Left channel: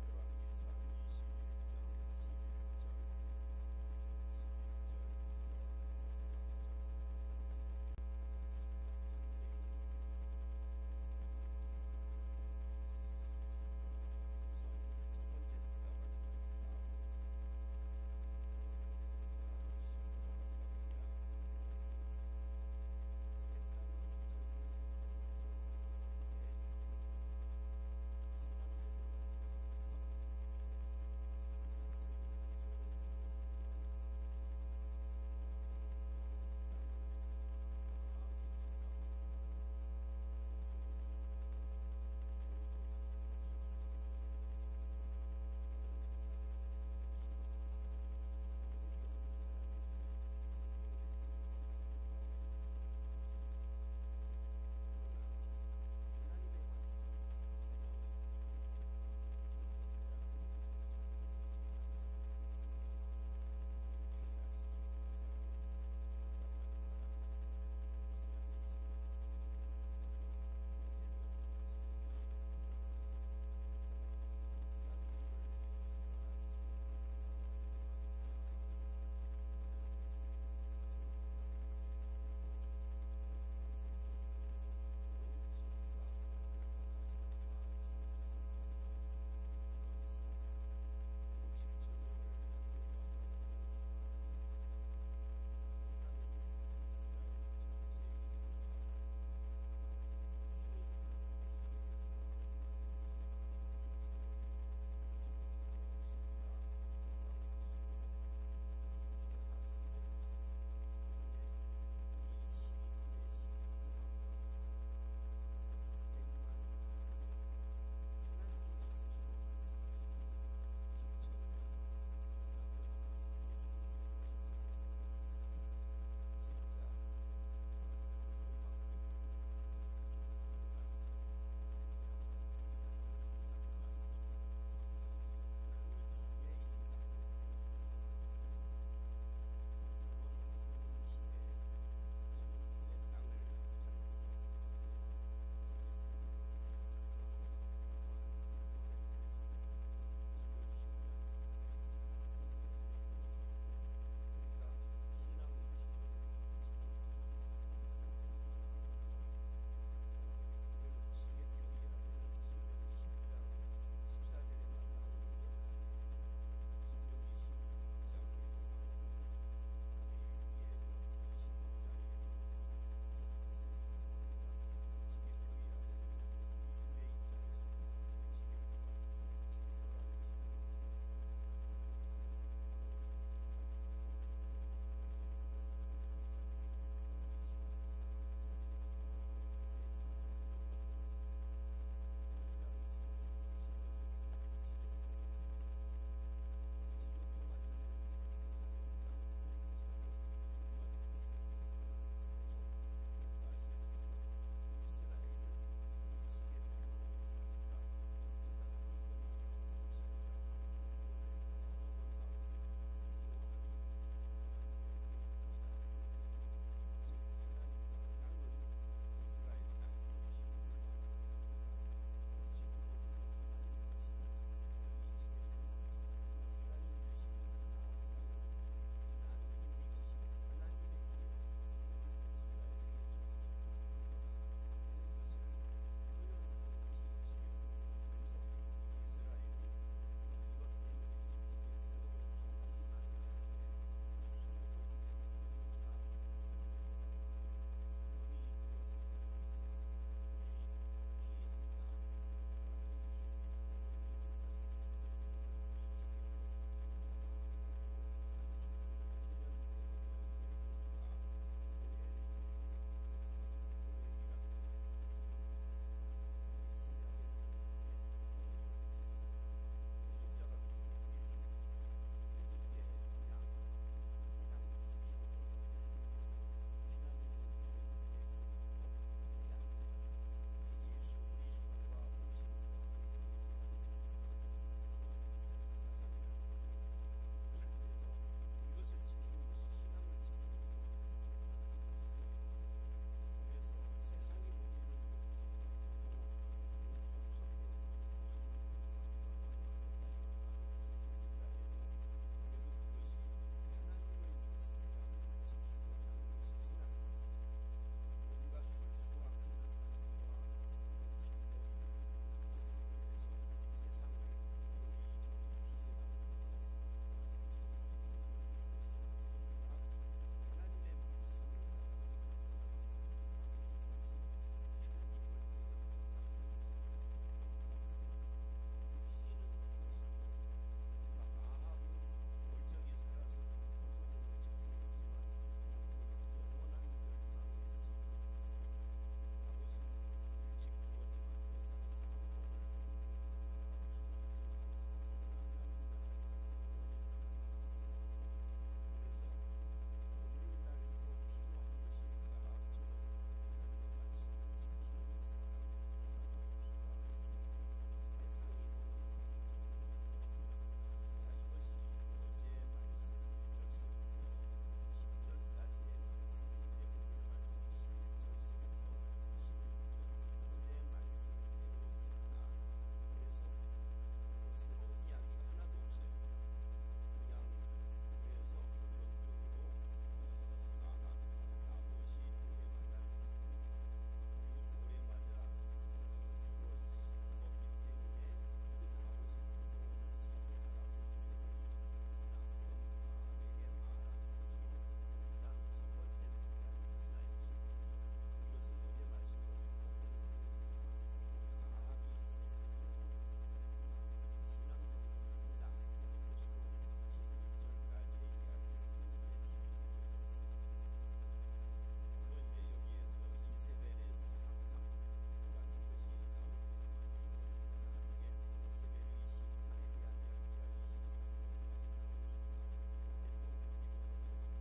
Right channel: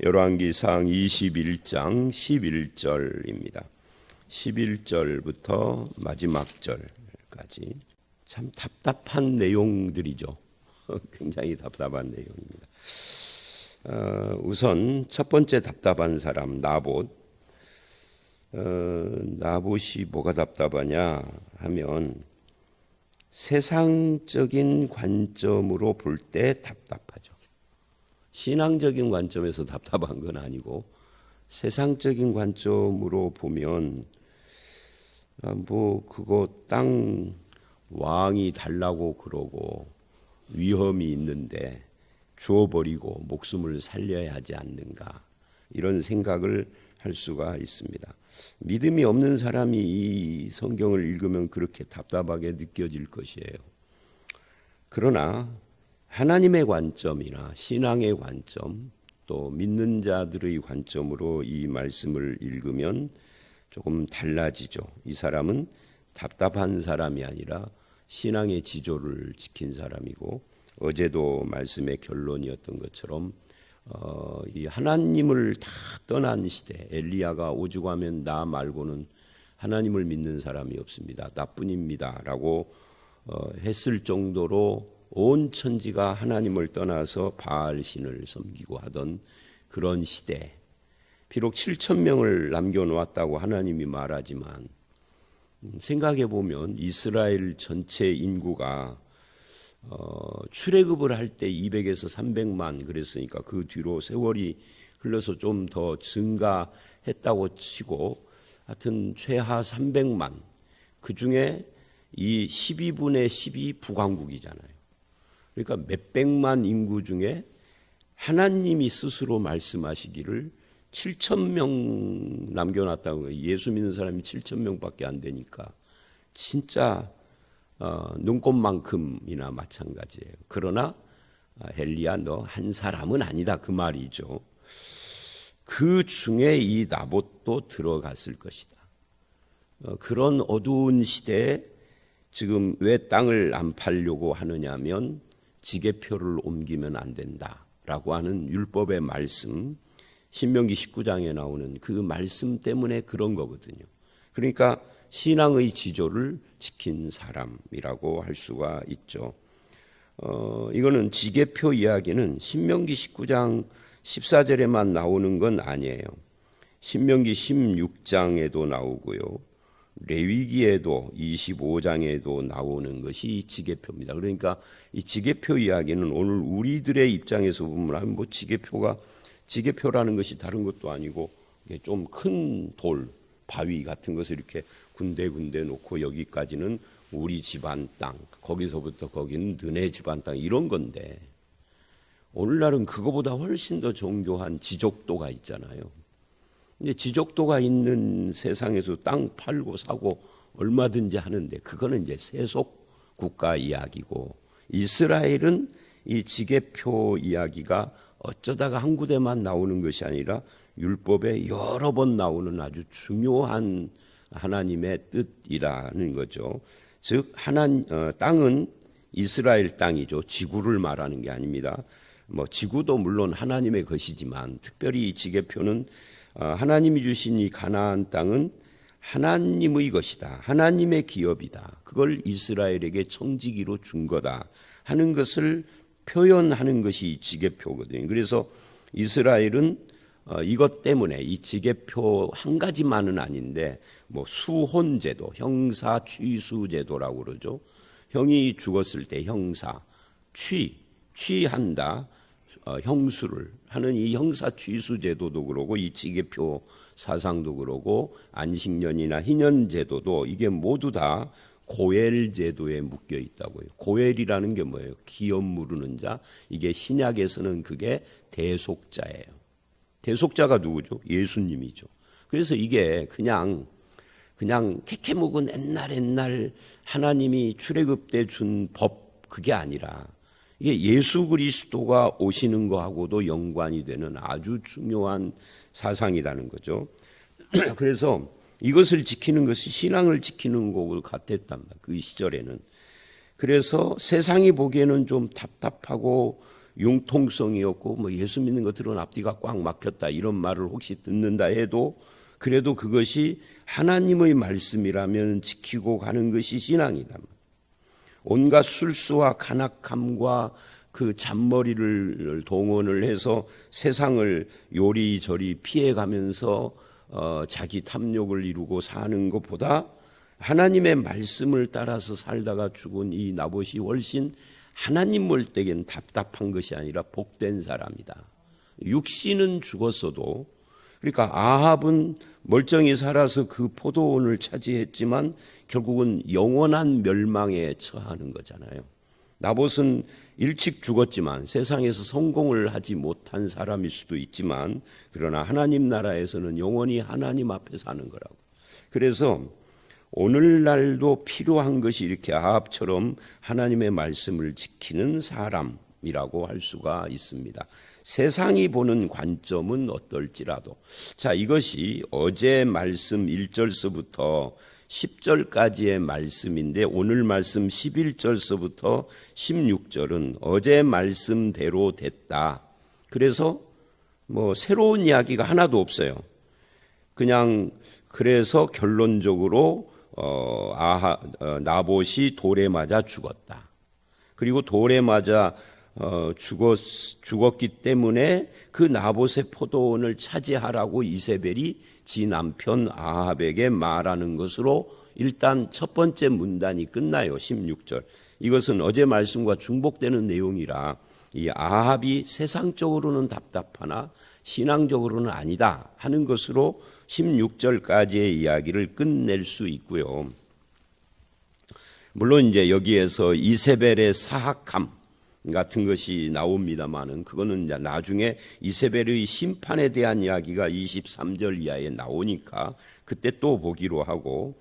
열왕기상 21장 11절입니다. 11절부터 마지막 절까지 참 답답한 내용들이죠. 굉장히 답답한 내용입니다. 우선 첫 번째 답답한 사람 나봇. 나봇이 뭐가 답답하냐 하면 세상적인 관점으로 볼 때 답답하죠. 신앙적인 관점에서 답답한 건 아니고 세상적인 관점으로 보면 뭐 그거 땅 왕이 달라고 그러고 위험이 있는데 주어버리고 목숨을 살려야 하지 않는가, 이런 생각을 할 수가 있습니다. 믿음이 없는 사람이 이 성경을 읽으면 그렇게 답답하게 느껴질 것이에요. 그러나 하나님의 관점이나 신앙의 관점, 또 믿는 자들의 관점으로 이 말씀을 읽으면 조금 달라지죠. 이 사람은 답답한 사람이 아니라 신앙의 지조를 지킨 사람이고, 어제도 말씀의 결론이었던 것처럼 이 하나님을 다 떠난 시대, 엘리야가 오죽 하면 나 말고는 하나님을 믿는 사람이 없습니다, 나뿐입니다 라고 했을 정도로 온 천지가 하나님을 떠나서 바알 신을 섬기고 하던 그런 시대, 비록 7,000명을 남겨놓았다고 하나님이 말하지만 생각해 보면 이스라엘 전체 인구가 출애굽을 할 때 200에서 300만 그랬으니까 그 뒤로 세월이 흘러서 좀 더 증가했다고 치고 하여튼 최하 300만, 그 중에 이 12분의 10이 북왕국이잖아요. 그러니까 몇백만 인구 중에 하나님이 스스로 말씀하시기를 7,000명 남겨놨다고 해요. 예수 믿는 사람이 7,000명밖에 안 되니까 진짜 눈꽃만큼이나 마찬가지예요. 그러나 엘리야 너 한 사람은 아니다, 그 말이죠. 그 중에 이 나봇도 들어갔을 것이다. 그런 어두운 시대에 지금 왜 땅을 안 팔려고 하느냐면 지게표를 옮기면 안 된다라고 하는 율법의 말씀, 신명기 19장에 나오는 그 말씀 때문에 그런 거거든요. 그러니까 신앙의 지조를 지킨 사람이라고 할 수가 있죠. 이거는 지게표 이야기는 신명기 19장 14절에만 나오는 건 아니에요. 신명기 16장에도 나오고요, 레위기에도 25장에도 나오는 것이 지게표입니다. 그러니까 이 지게표 이야기는 오늘 우리들의 입장에서 보면 뭐 지게표라는 것이 다른 것도 아니고 좀 큰 돌, 바위 같은 것을 이렇게 군데군데 놓고 여기까지는 우리 집안 땅, 거기서부터 거기는 너네 집안 땅, 이런 건데 오늘날은 그거보다 훨씬 더 정교한 지적도가 있잖아요. 근데 지적도가 있는 세상에서 땅 팔고 사고 얼마든지 하는데 그거는 이제 세속 국가 이야기고, 이스라엘은 이 지게표 이야기가 어쩌다가 한 구대만 나오는 것이 아니라 율법에 여러 번 나오는 아주 중요한 하나님의 뜻이라는 거죠. 즉 땅은 이스라엘 땅이죠. 지구를 말하는 게 아닙니다. 뭐 지구도 물론 하나님의 것이지만 특별히 이 지게표는 하나님이 주신 이 가나안 땅은 하나님의 것이다, 하나님의 기업이다, 그걸 이스라엘에게 청지기로 준 거다 하는 것을 표현하는 것이 지게표거든요. 그래서 이스라엘은 이것 때문에 이 지게표 한 가지만은 아닌데 뭐 수혼제도, 형사 취수제도라고 그러죠. 형이 죽었을 때 형사 취한다, 형수를 하는 이 형사 취수제도도 그러고, 이 지게표 사상도 그러고, 안식년이나 희년제도도 이게 모두 다 고엘제도에 묶여 있다고요. 고엘이라는 게 뭐예요? 기업 무르는 자. 이게 신약에서는 그게 대속자예요. 대속자가 누구죠? 예수님이죠. 그래서 이게 그냥 캐캐묵은 옛날 하나님이 출애굽 때 준 법, 그게 아니라 이게 예수 그리스도가 오시는 거하고도 연관이 되는 아주 중요한 사상이라는 거죠. 그래서 이것을 지키는 것이 신앙을 지키는 것과 같았단 말이에요, 그 시절에는. 그래서 세상이 보기에는 좀 답답하고 융통성이었고 뭐 예수 믿는 것들은 앞뒤가 꽉 막혔다 이런 말을 혹시 듣는다 해도 그래도 그것이 하나님의 말씀이라면 지키고 가는 것이 신앙이다. 온갖 술수와 간악함과 그 잔머리를 동원을 해서 세상을 요리저리 피해가면서 자기 탐욕을 이루고 사는 것보다 하나님의 말씀을 따라서 살다가 죽은 이 나봇이 훨씬 하나님 볼 때겐 답답한 것이 아니라 복된 사람이다. 육신은 죽었어도 그러니까 아합은 멀쩡히 살아서 그 포도원을 차지했지만 결국은 영원한 멸망에 처하는 거잖아요. 나봇은 일찍 죽었지만 세상에서 성공을 하지 못한 사람일 수도 있지만 그러나 하나님 나라에서는 영원히 하나님 앞에 사는 거라고. 그래서 오늘날도 필요한 것이 이렇게 아합처럼 하나님의 말씀을 지키는 사람이라고 할 수가 있습니다. 세상이 보는 관점은 어떨지라도 자 이것이 어제 말씀 1절서부터 10절까지의 말씀인데 오늘 말씀 11절서부터 16절은 어제 말씀대로 됐다. 그래서 뭐 새로운 이야기가 하나도 없어요. 그냥 그래서 결론적으로 나봇이 돌에 맞아 죽었다. 그리고 돌에 맞아 죽었기 때문에 그 나봇의 포도원을 차지하라고 이세벨이 지 남편 아합에게 말하는 것으로 일단 첫 번째 문단이 끝나요. 16절. 이것은 어제 말씀과 중복되는 내용이라 이 아합이 세상적으로는 답답하나 신앙적으로는 아니다 하는 것으로 16절까지의 이야기를 끝낼 수 있고요. 물론 이제 여기에서 이세벨의 사악함 같은 것이 나옵니다만은 그거는 이제 나중에 이세벨의 심판에 대한 이야기가 23절 이하에 나오니까 그때 또 보기로 하고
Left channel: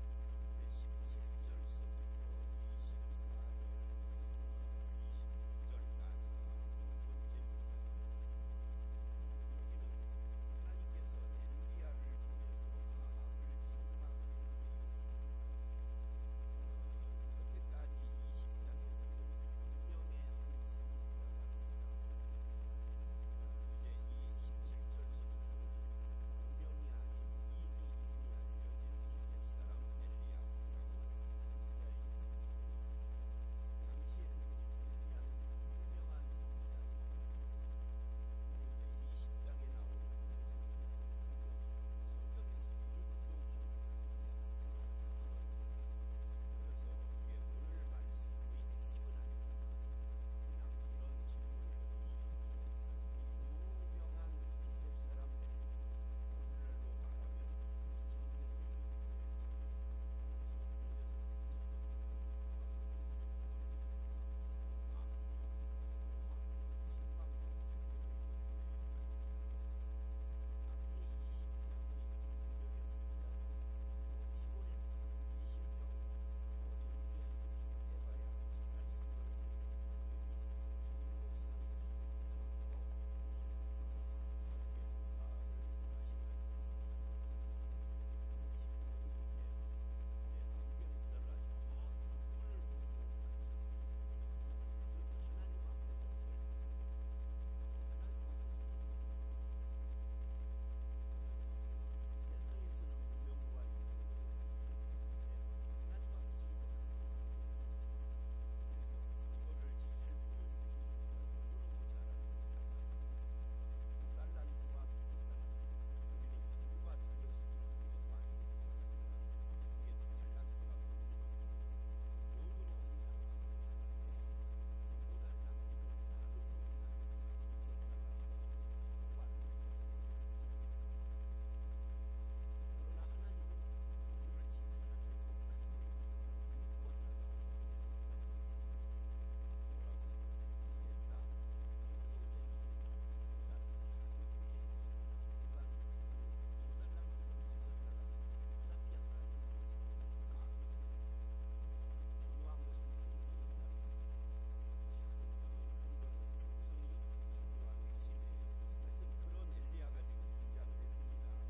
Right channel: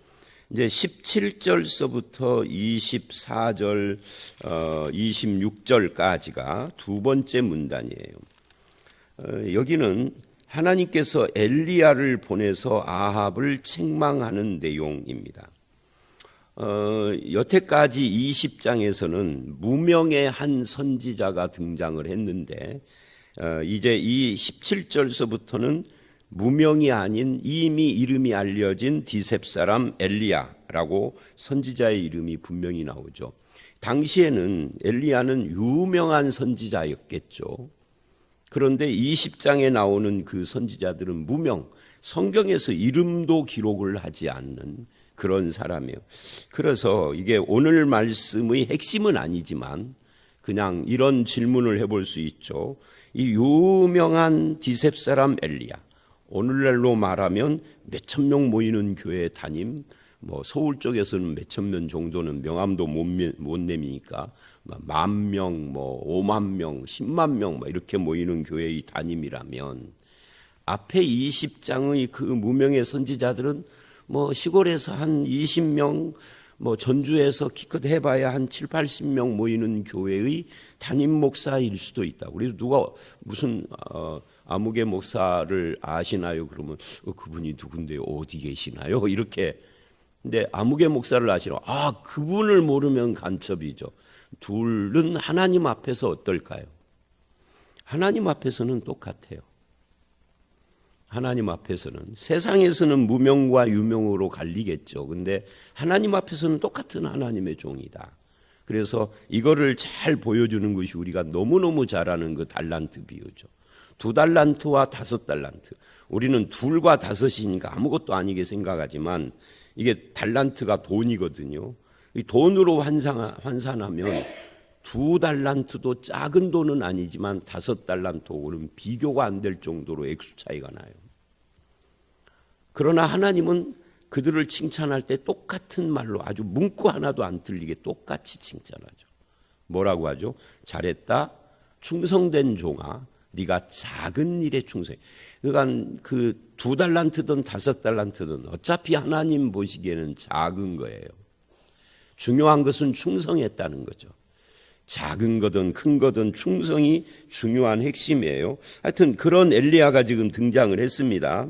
이제 17절서부터 24절 26절까지가 두 번째 문단이에요. 여기는 하나님께서 엘리야를 보내서 아합을 책망하는 내용입니다. 여태까지 20장에서는 무명의 한 선지자가 등장을 했는데 이제 이 17절서부터는 무명이 아닌 이미 이름이 알려진 디셉 사람 엘리야라고 선지자의 이름이 분명히 나오죠. 당시에는 엘리야는 유명한 선지자였겠죠. 그런데 20장에 나오는 그 선지자들은 무명, 성경에서 이름도 기록을 하지 않는 그런 사람이에요. 그래서 이게 오늘 말씀의 핵심은 아니지만 그냥 이런 질문을 해볼 수 있죠. 이 유명한 디셉 사람 엘리야, 오늘날로 말하면 몇천 명 모이는 교회 담임, 뭐 서울 쪽에서는 몇천 명 정도는 명함도 못 내미니까 10,000명, 뭐 50,000명, 100,000명 뭐 이렇게 모이는 교회의 담임이라면 앞에 20장의 그 무명의 선지자들은 뭐 시골에서 한 20명, 뭐 전주에서 기껏 해봐야 한 7, 80명 모이는 교회의 담임 목사일 수도 있다. 그래서 누가 무슨 아무개 목사를 아시나요? 그러면 그분이 누군데요? 어디 계시나요? 이렇게. 근데 아무개 목사를 아시나? 그분을 모르면 간첩이죠. 둘은 하나님 앞에서 어떨까요? 하나님 앞에서는 똑같아요. 하나님 앞에서는 세상에서는 무명과 유명으로 갈리겠죠. 근데 하나님 앞에서는 똑같은 하나님의 종이다. 그래서 이거를 잘 보여주는 것이 우리가 너무너무 잘하는 그 달란트 비유죠. 2달란트와 5달란트. 우리는 2과 5이니까 아무것도 아니게 생각하지만 이게 달란트가 돈이거든요. 이 돈으로 환산하면 2달란트도 작은 돈은 아니지만 5달란트하고는 비교가 안 될 정도로 액수 차이가 나요. 그러나 하나님은 그들을 칭찬할 때 똑같은 말로 아주 문구 하나도 안 틀리게 똑같이 칭찬하죠. 뭐라고 하죠? 잘했다, 충성된 종아, 네가 작은 일에 충성해. 그러니까 그 2달란트든 5달란트든 어차피 하나님 보시기에는 작은 거예요. 중요한 것은 충성했다는 거죠. 작은 거든 큰 거든 충성이 중요한 핵심이에요. 하여튼 그런 엘리야가 지금 등장을 했습니다.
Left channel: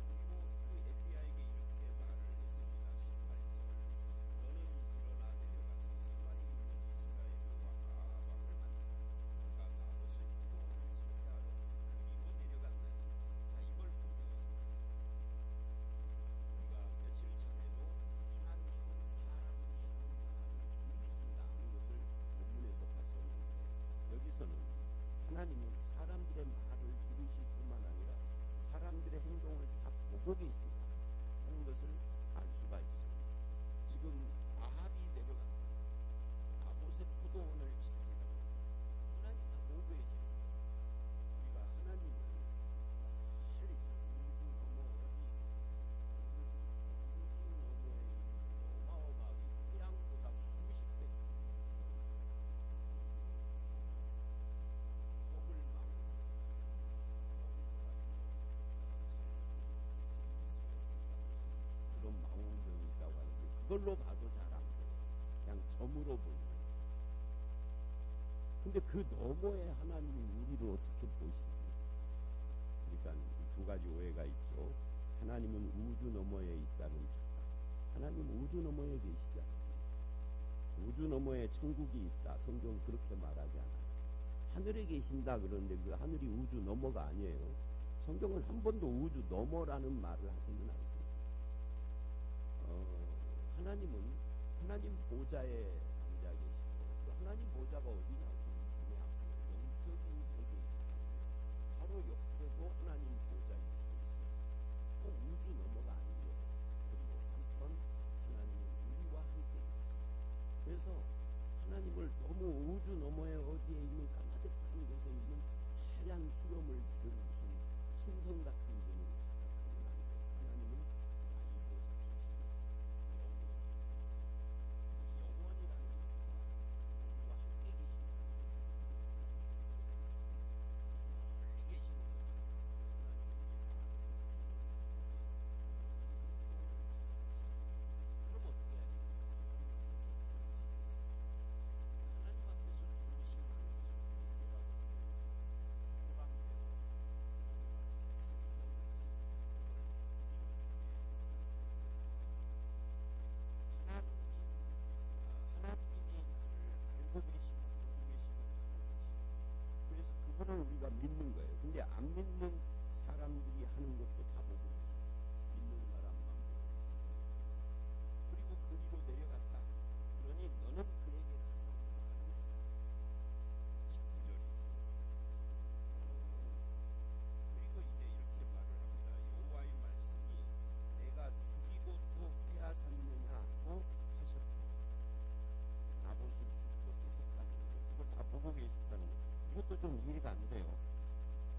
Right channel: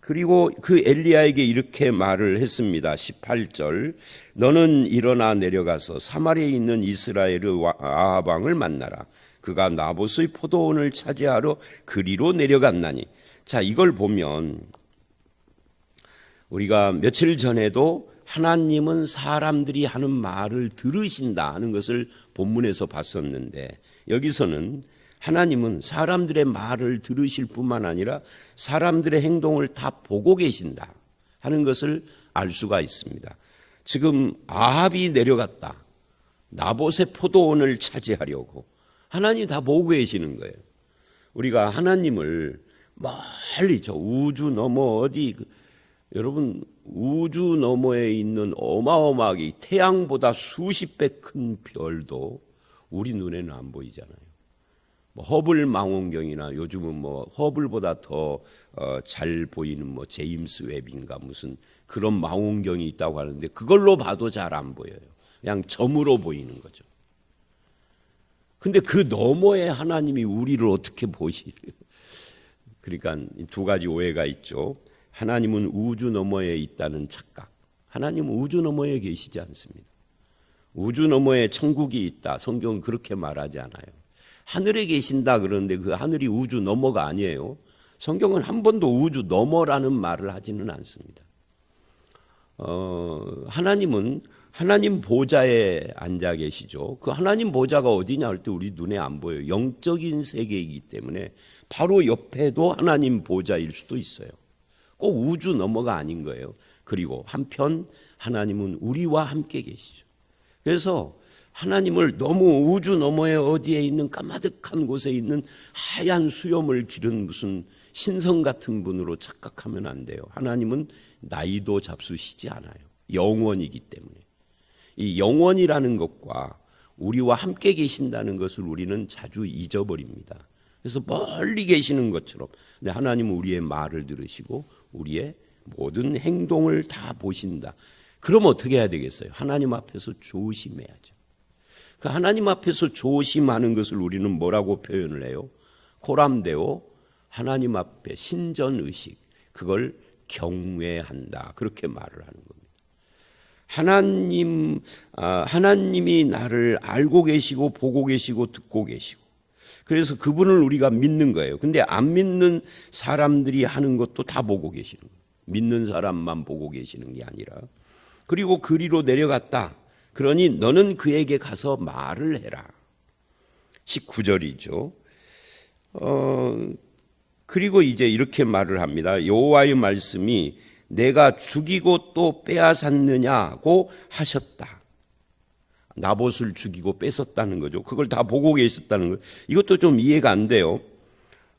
그리고 그 엘리야에게 이렇게 말을 했습니다. 18절, 너는 일어나 내려가서 사마리아에 있는 이스라엘의 아합 왕을 만나라. 그가 나봇의 포도원을 차지하러 그리로 내려갔나니. 자, 이걸 보면 우리가 며칠 전에도 하나님은 사람들이 하는 말을 들으신다 하는 것을 본문에서 봤었는데, 여기서는 하나님은 사람들의 말을 들으실 뿐만 아니라 사람들의 행동을 다 보고 계신다 하는 것을 알 수가 있습니다. 지금 아합이 내려갔다, 나봇의 포도원을 차지하려고 하나님이 다 보고 계시는 거예요. 우리가 하나님을 멀리 저 우주 너머 어디, 여러분 우주 너머에 있는 어마어마하게 태양보다 수십 배 큰 별도 우리 눈에는 안 보이잖아요. 허블 망원경이나 요즘은 허블보다 더 잘 보이는 제임스 웹인가 무슨 그런 망원경이 있다고 하는데, 그걸로 봐도 잘 안 보여요. 그냥 점으로 보이는 거죠. 근데 그 너머에 하나님이 우리를 어떻게 보시래요? 그러니까 두 가지 오해가 있죠. 하나님은 우주 너머에 있다는 착각. 하나님은 우주 너머에 계시지 않습니다. 우주 너머에 천국이 있다, 성경은 그렇게 말하지 않아요. 하늘에 계신다 그러는데 그 하늘이 우주 너머가 아니에요. 성경은 한 번도 우주 너머라는 말을 하지는 않습니다. 하나님은 하나님 보좌에 앉아 계시죠. 그 하나님 보좌가 어디냐 할 때 우리 눈에 안 보여요. 영적인 세계이기 때문에 바로 옆에도 하나님 보좌일 수도 있어요. 꼭 우주 너머가 아닌 거예요. 그리고 한편 하나님은 우리와 함께 계시죠. 그래서 하나님을 너무 우주 너머에 어디에 있는 까마득한 곳에 있는 하얀 수염을 기른 무슨 신성 같은 분으로 착각하면 안 돼요. 하나님은 나이도 잡수시지 않아요. 영원이기 때문에. 이 영원이라는 것과 우리와 함께 계신다는 것을 우리는 자주 잊어버립니다. 그래서 멀리 계시는 것처럼, 근데 하나님은 우리의 말을 들으시고 우리의 모든 행동을 다 보신다. 그럼 어떻게 해야 되겠어요? 하나님 앞에서 조심해야죠. 그 하나님 앞에서 조심하는 것을 우리는 뭐라고 표현을 해요? 코람데오, 하나님 앞에 신전의식, 그걸 경외한다, 그렇게 말을 하는 겁니다. 하나님이 나를 알고 계시고 보고 계시고 듣고 계시고, 그래서 그분을 우리가 믿는 거예요. 근데 안 믿는 사람들이 하는 것도 다 보고 계시는 거예요. 믿는 사람만 보고 계시는 게 아니라. 그리고 그리로 내려갔다. 그러니 너는 그에게 가서 말을 해라. 19절이죠. 그리고 이제 이렇게 말을 합니다. 여호와의 말씀이 내가 죽이고 또 빼앗았느냐고 하셨다. 나봇을 죽이고 뺏었다는 거죠. 그걸 다 보고 계셨다는 거예요. 이것도 좀 이해가 안 돼요.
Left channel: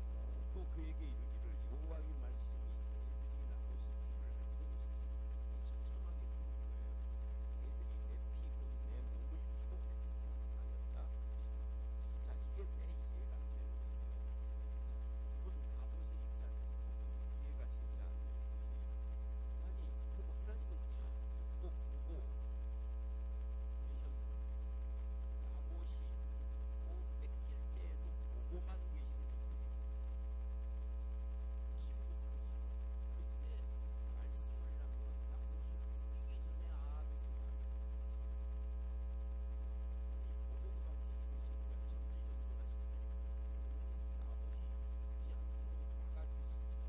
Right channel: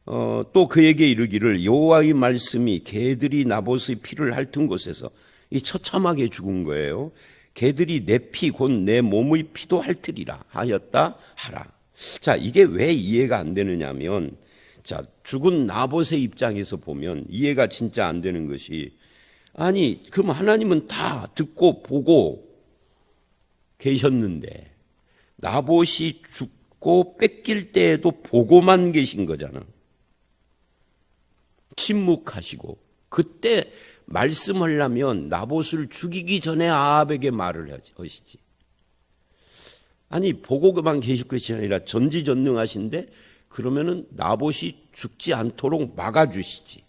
또 그에게 이르기를 여호와의 말씀이 개들이 나봇의 피를 핥은 곳에서, 이 처참하게 죽은 거예요. 개들이 내 피 곧 내 몸의 피도 핥으리라 하였다 하라. 자, 이게 왜 이해가 안 되느냐면, 자, 죽은 나봇의 입장에서 보면 이해가 진짜 안 되는 것이, 아니 그럼 하나님은 다 듣고 보고 계셨는데 나봇이 죽고 뺏길 때에도 보고만 계신 거잖아. 침묵하시고. 그때 말씀하려면 나봇을 죽이기 전에 아합에게 말을 하시지. 아니 보고만 계실 것이 아니라 전지전능하신데 그러면은 나봇이 죽지 않도록 막아주시지.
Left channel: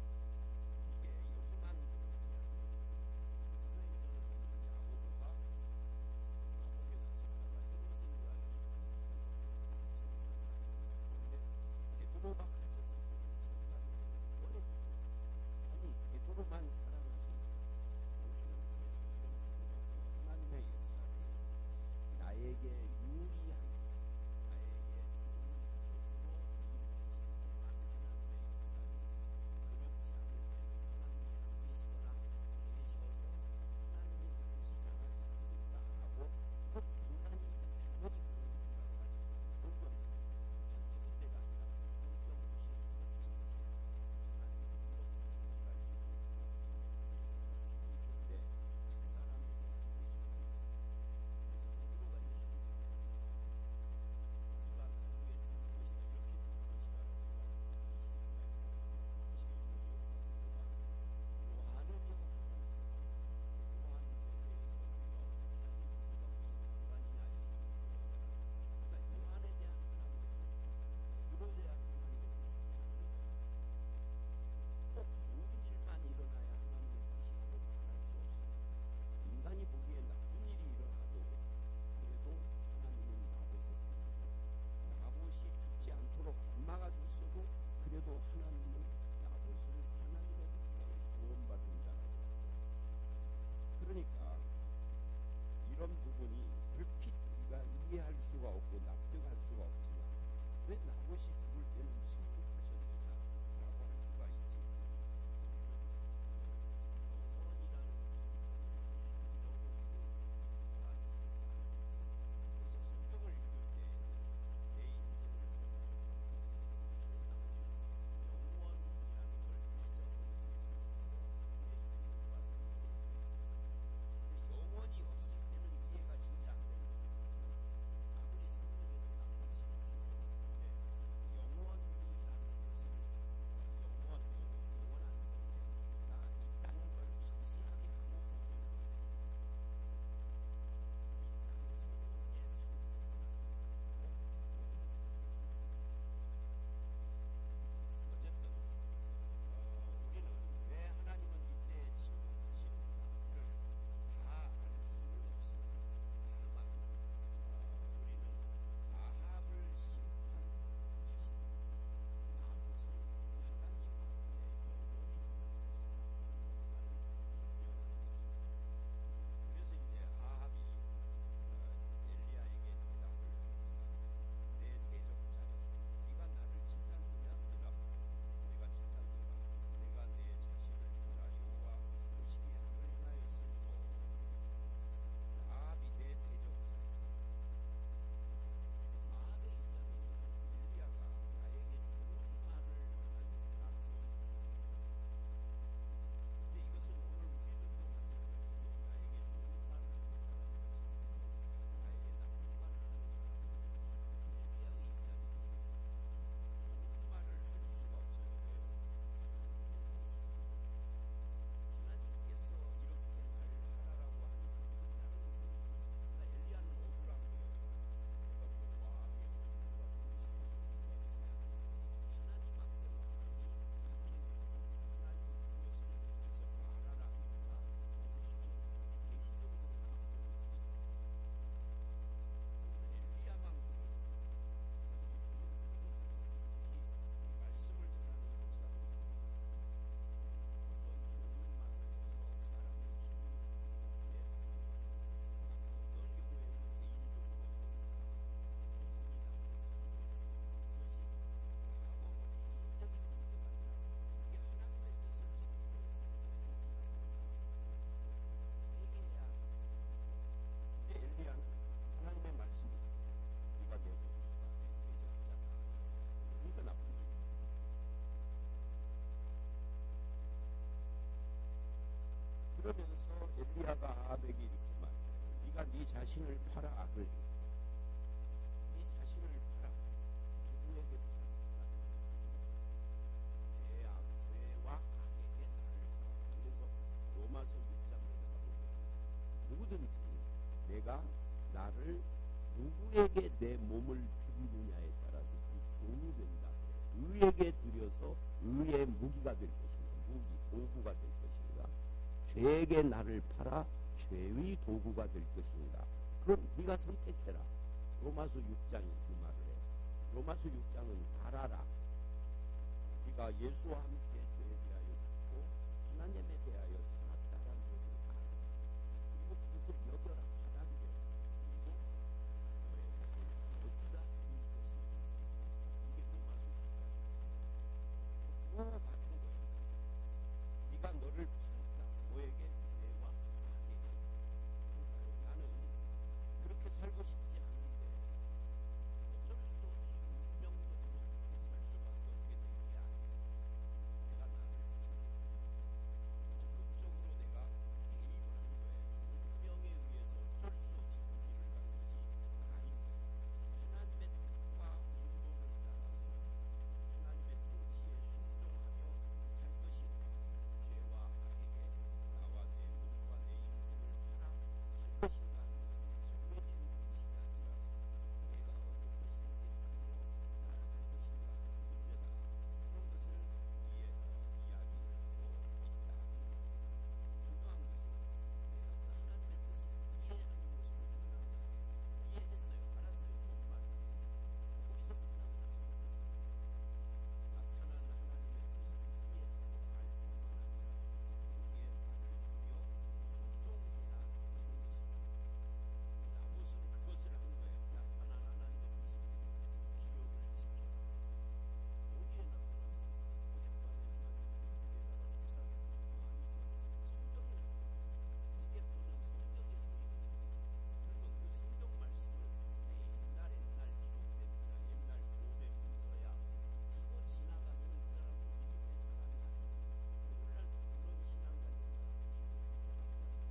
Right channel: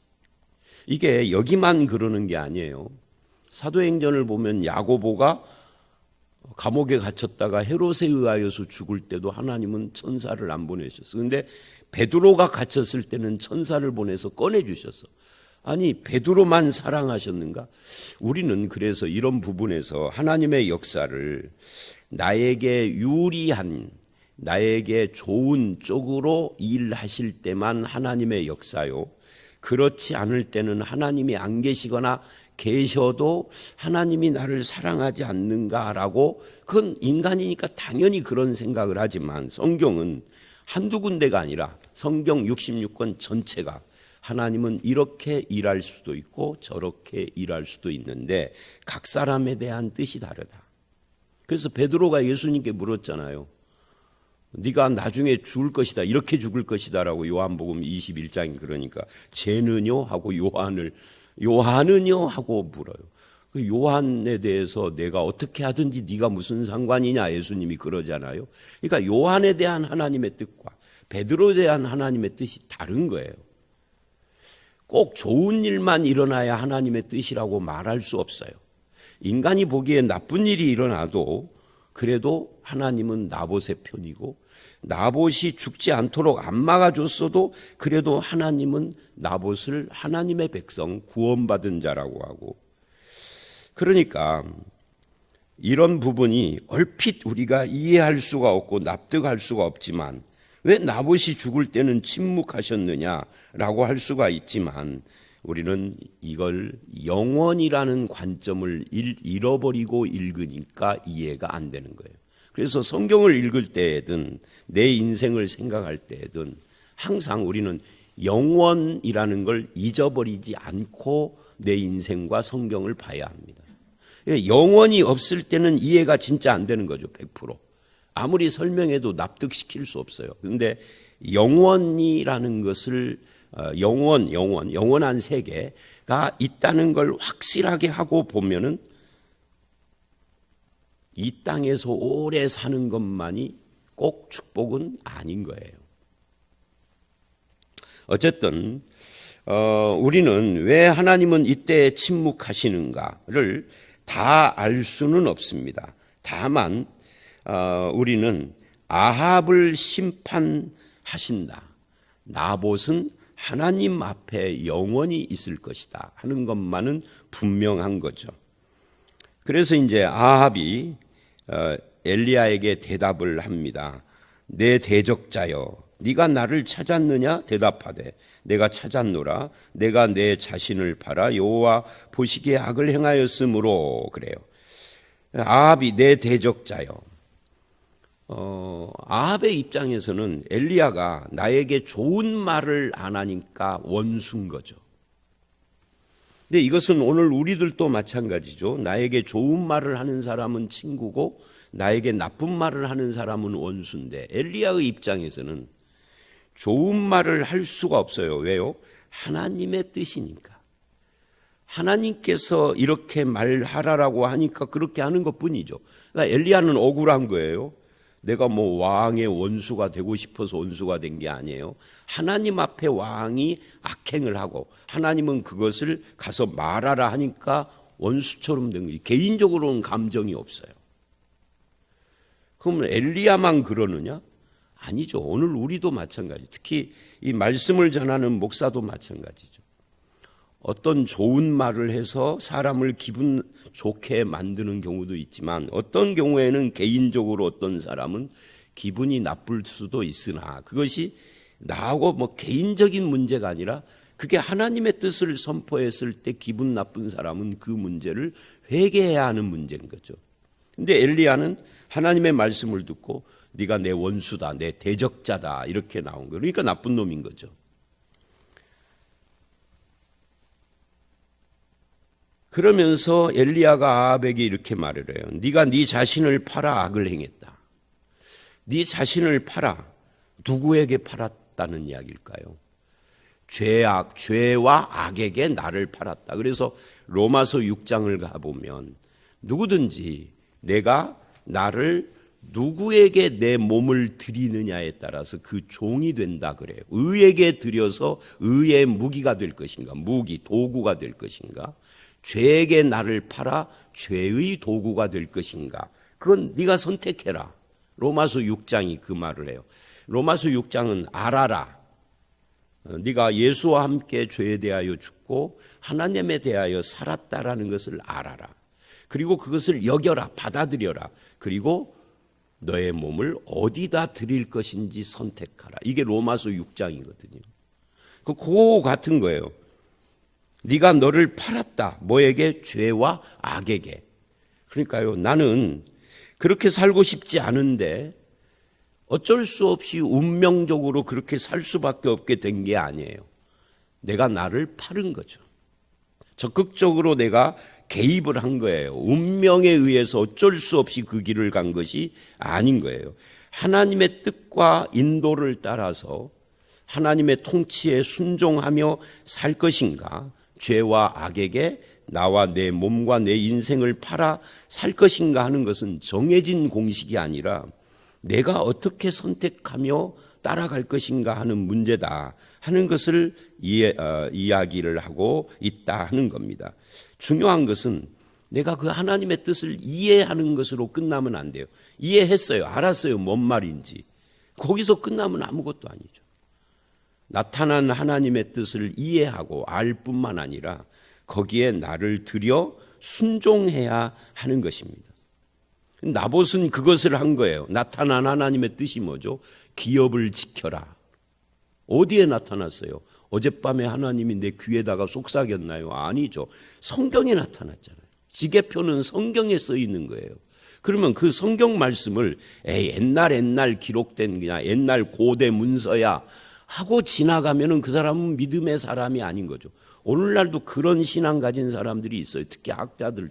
이게 여기만 그러는 게 아니에요. 사도행전을 보면 야고보가 감옥에 갇혔다가 헤롯에 의하여서 죽을 때도 하나님은 천사를 안 보내셨어. 근데 베드로가 갇혔을 때는 천사를 보내서 꺼내주셨어. 아니 베드로만 사랑하셨는가? 우리는 그래서 이런 부분에서 하나님의 역사를 나에게 유리한, 나에게 좋은 쪽으로 일하실 때만 하나님의 역사요, 그렇지 않을 때는 하나님이 안 계시거나 계셔도 하나님이 나를 사랑하지 않는가라고, 그건 인간이니까 당연히 그런 생각을 하지만 성경은 한두 군데가 아니라 성경 66권 전체가 하나님은 이렇게 일할 수도 있고 저렇게 일할 수도 있는데 각 사람에 대한 뜻이 다르다. 그래서 베드로가 예수님께 물었잖아요. 네가 나중에 죽을 것이다, 이렇게 죽을 것이다 라고 요한복음 21장이 그러니까 쟤는요 하고 요한은요 하고 물어요. 그 요한에 대해서 내가 어떻게 하든지 네가 무슨 상관이냐, 예수님이 그러잖아요. 그러니까 요한에 대한 하나님의 뜻과 베드로에 대한 하나님의 뜻이 다른 거예요. 꼭 좋은 일만 일어나야 하나님의 뜻이라고 말할 수 없어요. 인간이 보기에 나쁜 일이 일어나도 그래도 하나님은 나봇의 편이고, 나봇이 죽지 않도록 안 막아줬어도 그래도 하나님은 나봇을 하나님의 백성, 구원받은 자라고 하고, 그러니까 이런 부분이 얼핏 우리가 이해할 수가 없고 납득할 수가 없지만, 왜 나봇이 죽을 때는 침묵하셨느냐라고 할 수가 있지만, 우리는 이걸 영원이라는 관점을 잃어버리고 읽으니까 이해가 안 되는 거예요. 그래서 성경을 읽을 때에든 내 인생을 생각할 때에든 항상 우리는 영원이라는 걸 잊어버리지 않고 내 인생과 성경을 봐야 합니다. 영원이 없을 때는 이해가 진짜 안 되는 거죠. 100%. 아무리 설명해도 납득시킬 수 없어요. 그런데 영원이라는 것을 영원한 세계가 있다는 걸 확실하게 하고 보면은 이 땅에서 오래 사는 것만이 꼭 축복은 아닌 거예요. 어쨌든 우리는 왜 하나님은 이때 침묵하시는가를 다 알 수는 없습니다. 다만 우리는 아합을 심판하신다, 나봇은 하나님 앞에 영원히 있을 것이다 하는 것만은 분명한 거죠. 그래서 이제 아합이 엘리야에게 대답을 합니다. 내 대적자여, 네가 나를 찾았느냐? 대답하되 내가 찾았노라. 내가 내 자신을 팔아 여호와 보시기에 악을 행하였으므로. 그래요. 아합이 내 대적자여. 아합의 입장에서는 엘리야가 나에게 좋은 말을 안 하니까 원수인 거죠. 근데 이것은 오늘 우리들도 마찬가지죠. 나에게 좋은 말을 하는 사람은 친구고 나에게 나쁜 말을 하는 사람은 원수인데, 엘리야의 입장에서는 좋은 말을 할 수가 없어요. 왜요? 하나님의 뜻이니까. 하나님께서 이렇게 말하라라고 하니까 그렇게 하는 것뿐이죠. 그러니까 엘리야는 억울한 거예요. 내가 뭐 왕의 원수가 되고 싶어서 원수가 된 게 아니에요. 하나님 앞에 왕이 악행을 하고 하나님은 그것을 가서 말하라 하니까 원수처럼 된 거지. 개인적으로는 감정이 없어요. 그러면 엘리야만 그러느냐? 아니죠. 오늘 우리도 마찬가지. 특히 이 말씀을 전하는 목사도 마찬가지죠. 어떤 좋은 말을 해서 사람을 기분 좋게 만드는 경우도 있지만, 어떤 경우에는 개인적으로 어떤 사람은 기분이 나쁠 수도 있으나, 그것이 나하고 뭐 개인적인 문제가 아니라 그게 하나님의 뜻을 선포했을 때 기분 나쁜 사람은 그 문제를 회개해야 하는 문제인 거죠. 근데 엘리야는 하나님의 말씀을 듣고 네가 내 원수다, 내 대적자다 이렇게 나온 거예요. 그러니까 나쁜 놈인 거죠. 그러면서 엘리야가 아합에게 이렇게 말을 해요. 네가 네 자신을 팔아 악을 행했다. 네 자신을 팔아. 누구에게 팔았다는 이야기일까요? 죄와 악에게 나를 팔았다. 그래서 로마서 6장을 가보면 누구든지 내가 나를 누구에게 내 몸을 드리느냐에 따라서 그 종이 된다 그래요. 의에게 드려서 의의 무기가 될 것인가, 무기, 도구가 될 것인가, 죄에게 나를 팔아 죄의 도구가 될 것인가, 그건 네가 선택해라. 로마서 6장이 그 말을 해요. 로마서 6장은 알아라. 네가 예수와 함께 죄에 대하여 죽고 하나님에 대하여 살았다라는 것을 알아라. 그리고 그것을 여겨라, 받아들여라. 그리고 너의 몸을 어디다 드릴 것인지 선택하라. 이게 로마서 6장이거든요. 그거 같은 거예요. 네가 너를 팔았다. 뭐에게? 죄와 악에게. 그러니까요, 나는 그렇게 살고 싶지 않은데 어쩔 수 없이 운명적으로 그렇게 살 수밖에 없게 된 게 아니에요. 내가 나를 팔은 거죠. 적극적으로 내가 개입을 한 거예요. 운명에 의해서 어쩔 수 없이 그 길을 간 것이 아닌 거예요. 하나님의 뜻과 인도를 따라서 하나님의 통치에 순종하며 살 것인가, 죄와 악에게 나와 내 몸과 내 인생을 팔아 살 것인가 하는 것은 정해진 공식이 아니라 내가 어떻게 선택하며 따라갈 것인가 하는 문제다 하는 것을 이야기를 하고 있다 하는 겁니다. 중요한 것은 내가 그 하나님의 뜻을 이해하는 것으로 끝나면 안 돼요. 이해했어요. 알았어요. 뭔 말인지. 거기서 끝나면 아무것도 아니죠. 나타난 하나님의 뜻을 이해하고 알 뿐만 아니라 거기에 나를 들여 순종해야 하는 것입니다. 나봇은 그것을 한 거예요. 나타난 하나님의 뜻이 뭐죠? 기업을 지켜라. 어디에 나타났어요? 어젯밤에 하나님이 내 귀에다가 속삭였나요? 아니죠. 성경에 나타났잖아요. 지계표는 성경에 써 있는 거예요. 그러면 그 성경 말씀을 옛날 기록된 그냥 옛날 고대 문서야 하고 지나가면은 그 사람은 믿음의 사람이 아닌 거죠. 오늘날도 그런 신앙 가진 사람들이 있어요. 특히 학자들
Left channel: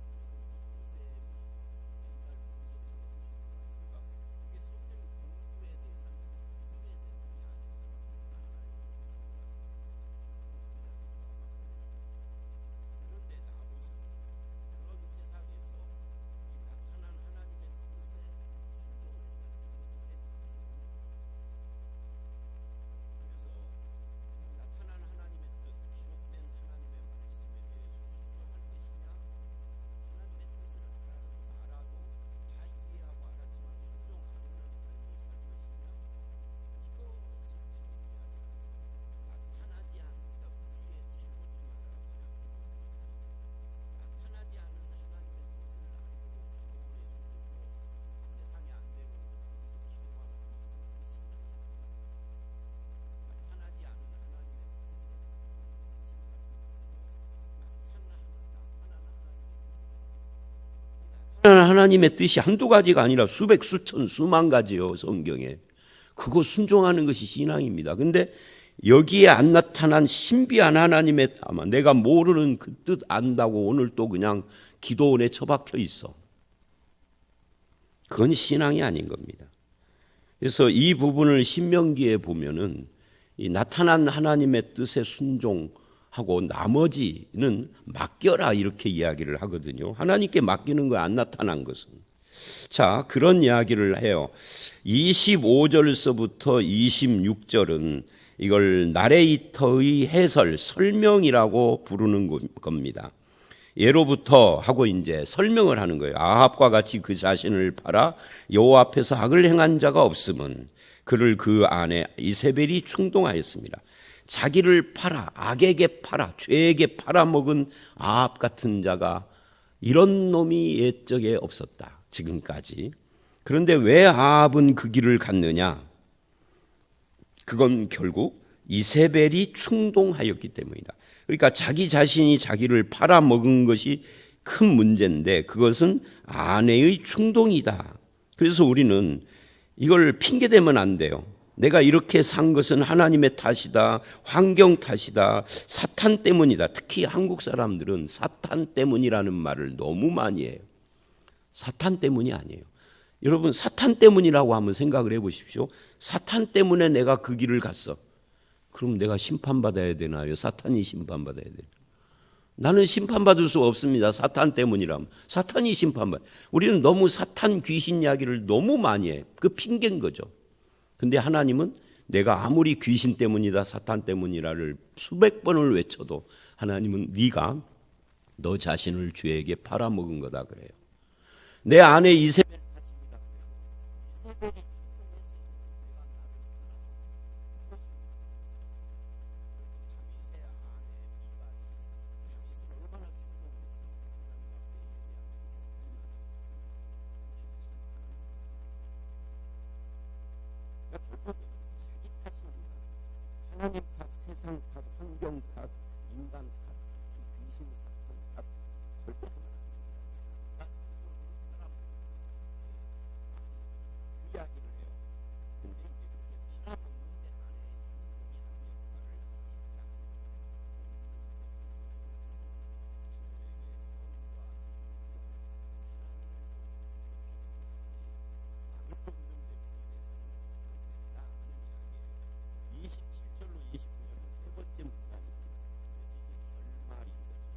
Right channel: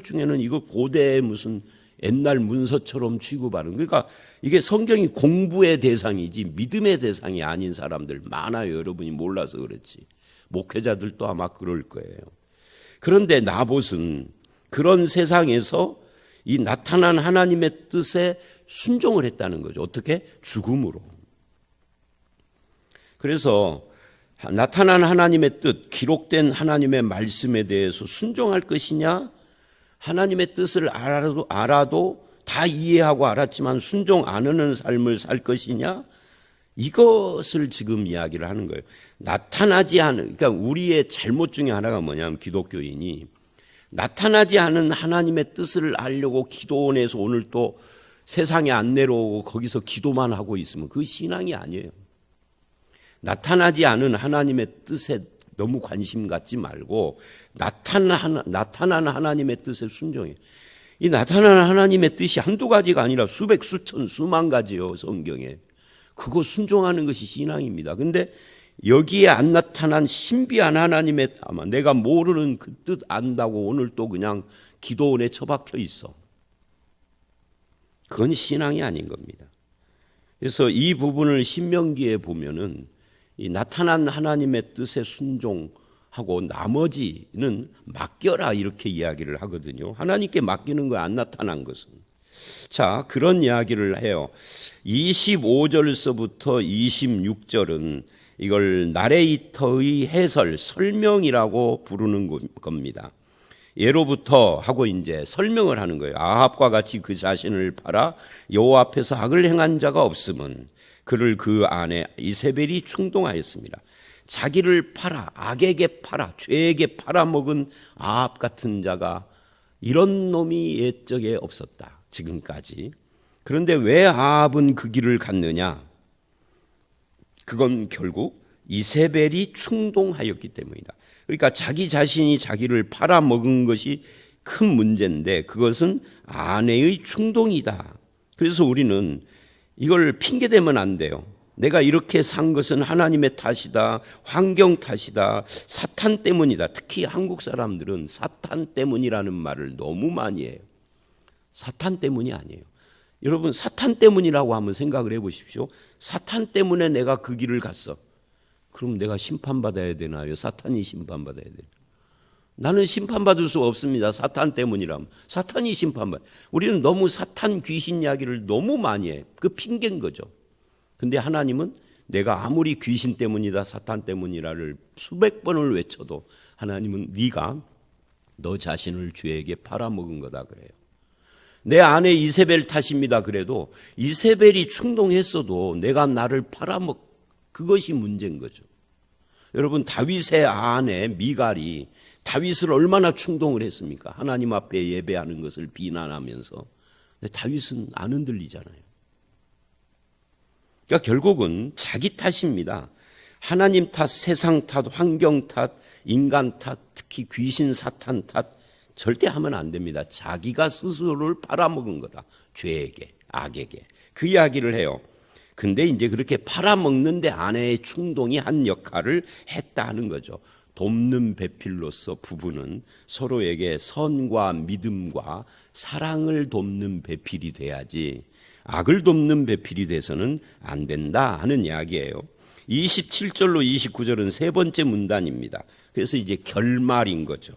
중에는 이거 고대의 무슨 옛날 문서처럼 취급하는, 그러니까 이게 성경이 공부의 대상이지 믿음의 대상이 아닌 사람들 많아요. 여러분이 몰라서 그렇지. 목회자들도 아마 그럴 거예요. 그런데 나봇은 그런 세상에서 이 나타난 하나님의 뜻에 순종을 했다는 거죠. 어떻게? 죽음으로. 그래서 나타난 하나님의 뜻, 기록된 하나님의 말씀에 대해서 순종할 것이냐, 하나님의 뜻을 알아도 다 이해하고 알았지만 순종 안 하는 삶을 살 것이냐, 이것을 지금 이야기를 하는 거예요. 나타나지 않은, 그러니까 우리의 잘못 중에 하나가 뭐냐면, 기독교인이 나타나지 않은 하나님의 뜻을 알려고 기도원에서 오늘 또 세상에 안 내려오고 거기서 기도만 하고 있으면 그 신앙이 아니에요. 나타나지 않은 하나님의 뜻에 너무 관심 갖지 말고 나타난 하나님의 뜻에 순종해요. 이 나타나는 하나님의 뜻이 한두 가지가 아니라 수백, 수천, 수만 가지요. 성경에. 그거 순종하는 것이 신앙입니다. 근데 여기에 안 나타난 신비한 하나님의, 아마 내가 모르는 그 뜻 안다고 오늘 또 그냥 기도원에 처박혀 있어. 그건 신앙이 아닌 겁니다. 그래서 이 부분을 신명기에 보면은 이 나타난 하나님의 뜻에 순종하고 나머지는 맡겨라 이렇게 이야기를 하거든요. 하나님께 맡기는 거 안 나타난 것은. 자, 그런 이야기를 해요. 25절서부터 26절은 이걸 나레이터의 해설, 설명이라고 부르는 겁니다. 예로부터 하고 이제 설명을 하는 거예요. 아합과 같이 그 자신을 팔아 여호와 앞에서 악을 행한 자가 없음은 그를 그 안에 이세벨이 충동하였습니다. 자기를 팔아, 악에게 팔아, 죄에게 팔아먹은 아합 같은 자가 이런 놈이 옛적에 없었다. 지금까지. 그런데 왜 아합은 그 길을 갔느냐? 그건 결국 이세벨이 충동하였기 때문이다. 그러니까 자기 자신이 자기를 팔아먹은 것이 큰 문제인데 그것은 아내의 충동이다. 그래서 우리는 이걸 핑계대면 안 돼요. 내가 이렇게 산 것은 하나님의 탓이다, 환경 탓이다, 사탄 때문이다. 특히 한국 사람들은 사탄 때문이라는 말을 너무 많이 해요. 사탄 때문이 아니에요. 여러분, 사탄 때문이라고 한번 생각을 해보십시오. 사탄 때문에 내가 그 길을 갔어. 그럼 내가 심판받아야 되나요? 사탄이 심판받아야 되나요? 나는 심판받을 수 없습니다. 사탄 때문이라면. 사탄이 심판받아요. 우리는 너무 사탄 귀신 이야기를 너무 많이 해. 그 핑계인 거죠. 근데 하나님은 내가 아무리 귀신 때문이다, 사탄 때문이라를 수백 번을 외쳐도 하나님은 네가 너 자신을 죄에게 팔아먹은 거다 그래요. 내 아내 이세벨 탓입니다. 그래도 이세벨이 충동했어도 내가 나를 그것이 문제인 거죠. 여러분, 다윗의 아내 미갈이 다윗을 얼마나 충동을 했습니까? 하나님 앞에 예배하는 것을 비난하면서. 근데 다윗은 안 흔들리잖아요. 그러니까 결국은 자기 탓입니다. 하나님 탓, 세상 탓, 환경 탓, 인간 탓, 특히 귀신 사탄 탓 절대 하면 안 됩니다. 자기가 스스로를 팔아먹은 거다. 죄에게, 악에게. 그 이야기를 해요. 근데 이제 그렇게 팔아먹는데 아내의 충동이 한 역할을 했다는 거죠. 돕는 배필로서 부부는 서로에게 선과 믿음과 사랑을 돕는 배필이 돼야지 악을 돕는 배필이 돼서는 안 된다 하는 이야기예요. 27절로 29절은 세 번째 문단입니다. 그래서 이제 결말인 거죠.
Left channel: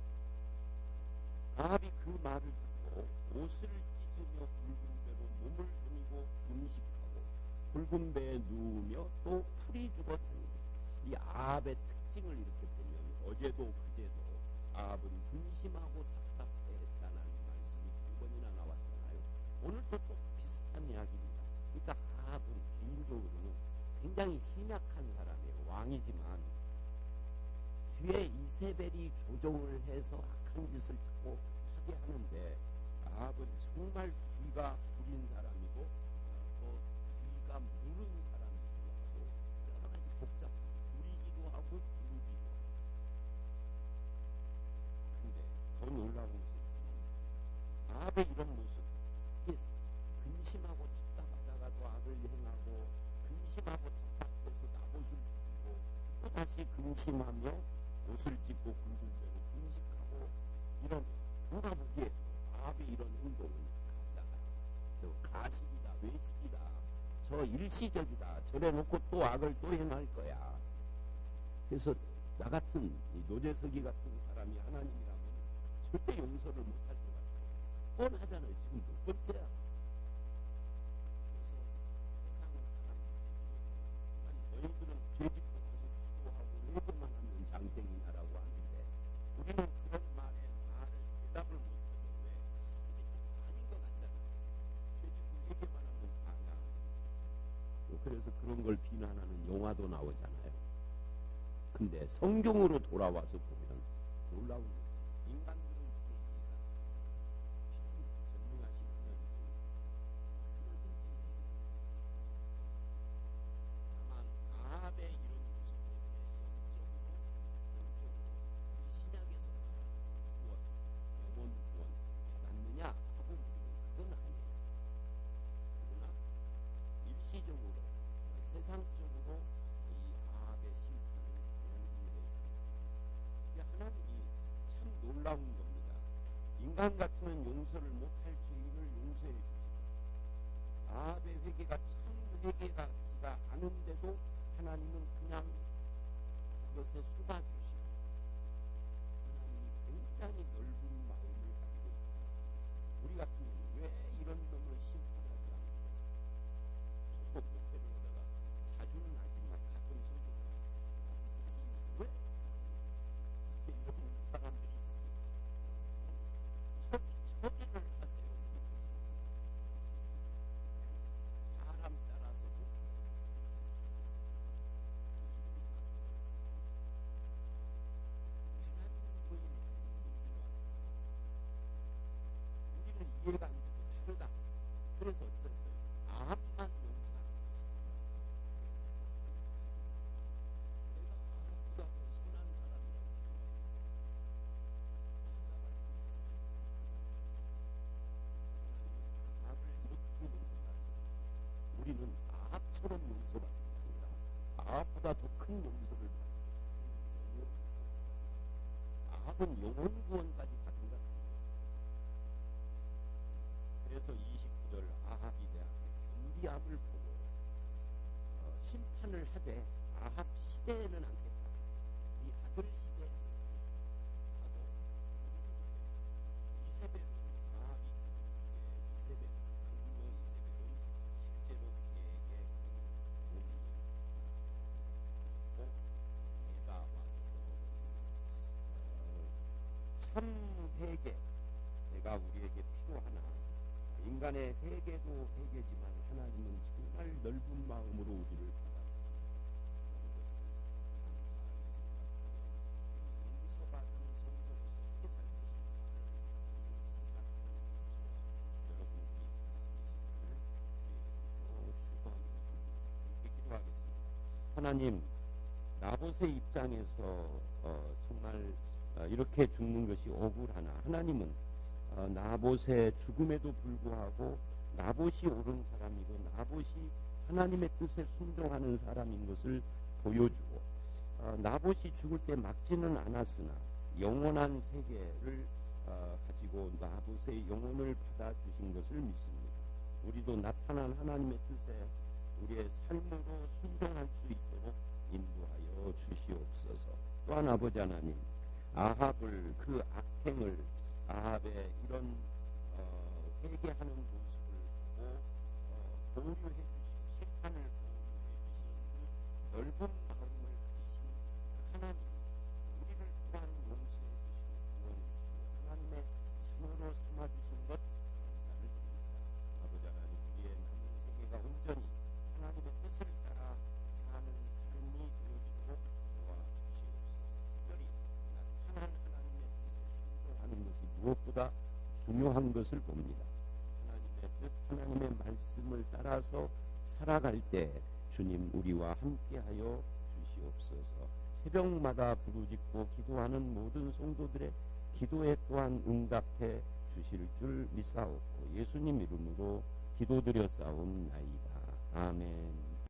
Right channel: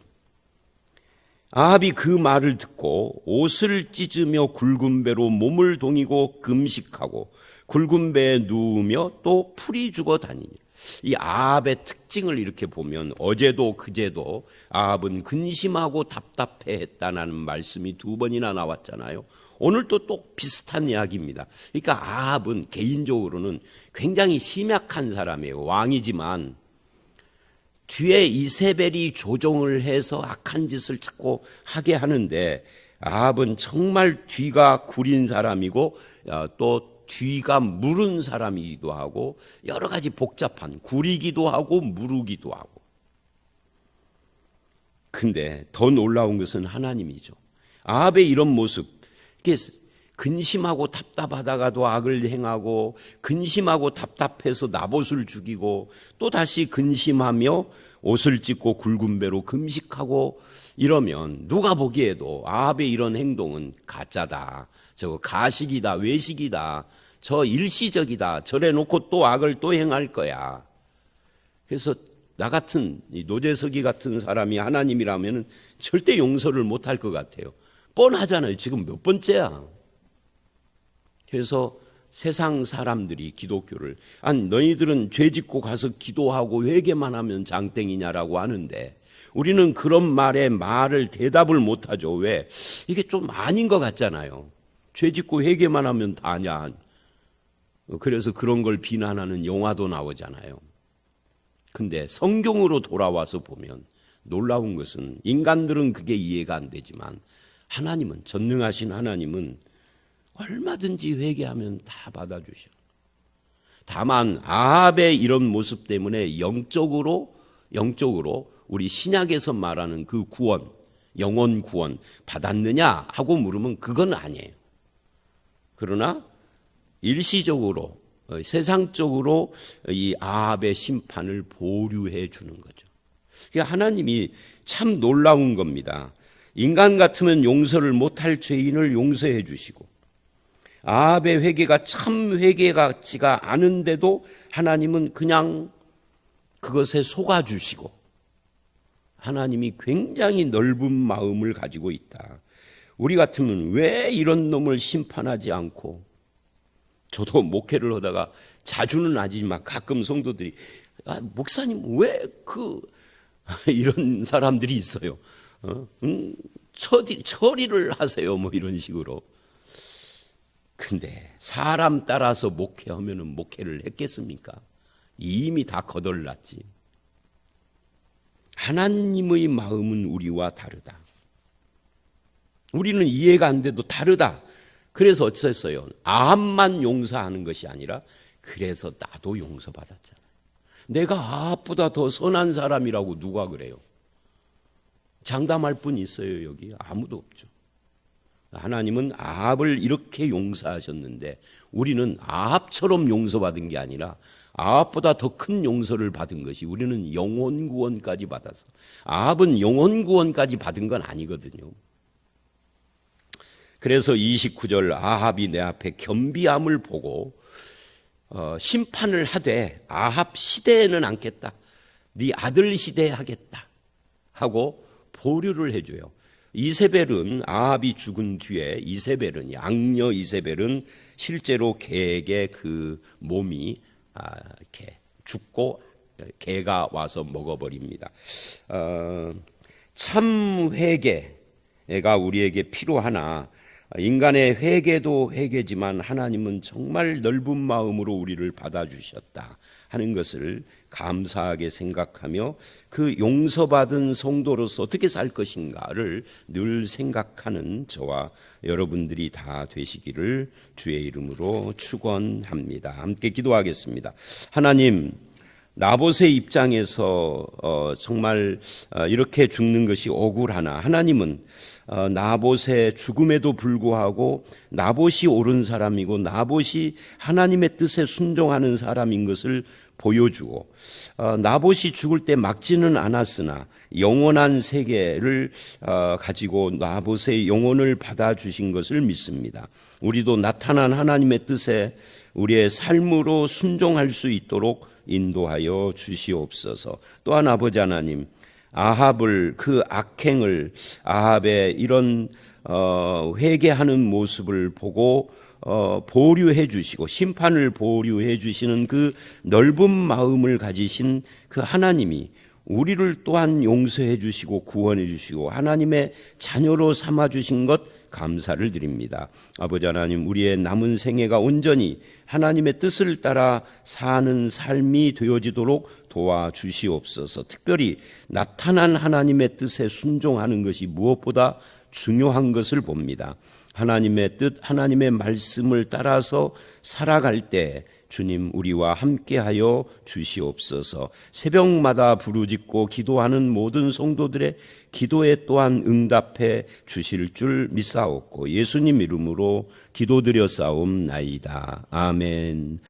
아합이 그 말을 듣고 옷을 찢으며 굵은 배로 몸을 동이고 금식하고 굵은 배에 누우며 또 풀이 죽어 다니니. 이 아합의 특징을 이렇게 보면 어제도 그제도 아합은 근심하고 답답해했다는 말씀이 두 번이나 나왔잖아요. 오늘도 또 비슷한 이야기입니다. 그러니까 아합은 개인적으로는 굉장히 심약한 사람이에요. 왕이지만 뒤에 이세벨이 조종을 해서 악한 짓을 자꾸 하게 하는데, 아합은 정말 뒤가 구린 사람이고 또 뒤가 무른 사람이기도 하고 여러 가지 복잡한, 구리기도 하고 무르기도 하고. 근데 더 놀라운 것은 하나님이죠. 아합의 이런 모습, 근심하고 답답하다가도 악을 행하고, 근심하고 답답해서 나봇을 죽이고, 또 다시 근심하며 옷을 찢고 굵은 배로 금식하고, 이러면 누가 보기에도 아합의 이런 행동은 가짜다, 저거 가식이다, 외식이다, 저 일시적이다, 저래 놓고 또 악을 또 행할 거야. 그래서 나 같은 이 노재석이 같은 사람이 하나님이라면 절대 용서를 못할 것 같아요. 뻔하잖아요. 지금 몇 번째야. 그래서 세상 사람들이 기독교를, 아니 너희들은 죄 짓고 가서 기도하고 회개만 하면 장땡이냐라고 하는데, 우리는 그런 말을 대답을 못하죠. 왜? 이게 좀 아닌 것 같잖아요. 죄 짓고 회개만 하면 다냐. 그래서 그런 걸 비난하는 영화도 나오잖아요. 근데 성경으로 돌아와서 보면 놀라운 것은, 인간들은 그게 이해가 안 되지만 하나님은, 전능하신 하나님은 얼마든지 회개하면 다 받아주셔. 다만 아합의 이런 모습 때문에 영적으로 우리 신약에서 말하는 그 구원, 영원 구원 받았느냐 하고 물으면 그건 아니에요. 그러나 일시적으로, 세상적으로 이 아합의 심판을 보류해 주는 거죠. 그러니까 하나님이 참 놀라운 겁니다. 인간 같으면 용서를 못할 죄인을 용서해 주시고, 아합의 회개가 참 회개 같지가 않은데도 하나님은 그냥 그것에 속아 주시고, 하나님이 굉장히 넓은 마음을 가지고 있다. 우리 같으면 왜 이런 놈을 심판하지 않고, 저도 목회를 하다가 자주는 아니지만 가끔 성도들이, 목사님 왜 이런 사람들이 있어요. 처리를 하세요, 뭐 이런 식으로. 근데 사람 따라서 목회하면은 목회를 했겠습니까? 이미 다 거덜났지. 하나님의 마음은 우리와 다르다. 우리는 이해가 안 돼도 다르다. 그래서 어땠어요? 아합만 용서하는 것이 아니라 그래서 나도 용서받았잖아. 내가 아합보다 더 선한 사람이라고 누가 그래요? 장담할 분 있어요 여기? 아무도 없죠. 하나님은 아합을 이렇게 용서하셨는데 우리는 아합처럼 용서받은 게 아니라 아합보다 더 큰 용서를 받은 것이, 우리는 영혼 구원까지 받았어. 아합은 영혼 구원까지 받은 건 아니거든요. 그래서 29절, 아합이 내 앞에 겸비함을 보고 심판을 하되 아합 시대에는 않겠다, 네 아들 시대에 하겠다 하고 보류를 해줘요. 이세벨은, 아합이 죽은 뒤에 이세벨은, 양녀 이세벨은 실제로 개에게 그 몸이 이렇게 죽고 개가 와서 먹어버립니다. 참 회개가 우리에게 필요하나, 인간의 회개도 회개지만 하나님은 정말 넓은 마음으로 우리를 받아주셨다 하는 것을 감사하게 생각하며, 그 용서받은 성도로서 어떻게 살 것인가를 늘 생각하는 저와 여러분들이 다 되시기를 주의 이름으로 축원합니다. 함께 기도하겠습니다. 하나님, 나봇의 입장에서 정말 이렇게 죽는 것이 억울하나, 하나님은 나봇의 죽음에도 불구하고 나봇이 옳은 사람이고 나봇이 하나님의 뜻에 순종하는 사람인 것을 보여주고, 나봇이 죽을 때 막지는 않았으나 영원한 세계를 가지고 나봇의 영혼을 받아주신 것을 믿습니다. 우리도 나타난 하나님의 뜻에 우리의 삶으로 순종할 수 있도록 인도하여 주시옵소서. 또한 아버지 하나님, 아합을, 그 악행을, 아합의 이런 회개하는 모습을 보고 보류해 주시고 심판을 보류해 주시는 그 넓은 마음을 가지신 그 하나님이 우리를 또한 용서해 주시고 구원해 주시고 하나님의 자녀로 삼아 주신 것 감사를 드립니다. 아버지 하나님, 우리의 남은 생애가 온전히 하나님의 뜻을 따라 사는 삶이 되어지도록 도와주시옵소서. 특별히 나타난 하나님의 뜻에 순종하는 것이 무엇보다 중요한 것을 봅니다. 하나님의 뜻, 하나님의 말씀을 따라서 살아갈 때 주님 우리와 함께하여 주시옵소서. 새벽마다 부르짖고 기도하는 모든 성도들의 기도에 또한 응답해 주실 줄 믿사옵고 예수님 이름으로 기도드려 싸움나이다. 아멘.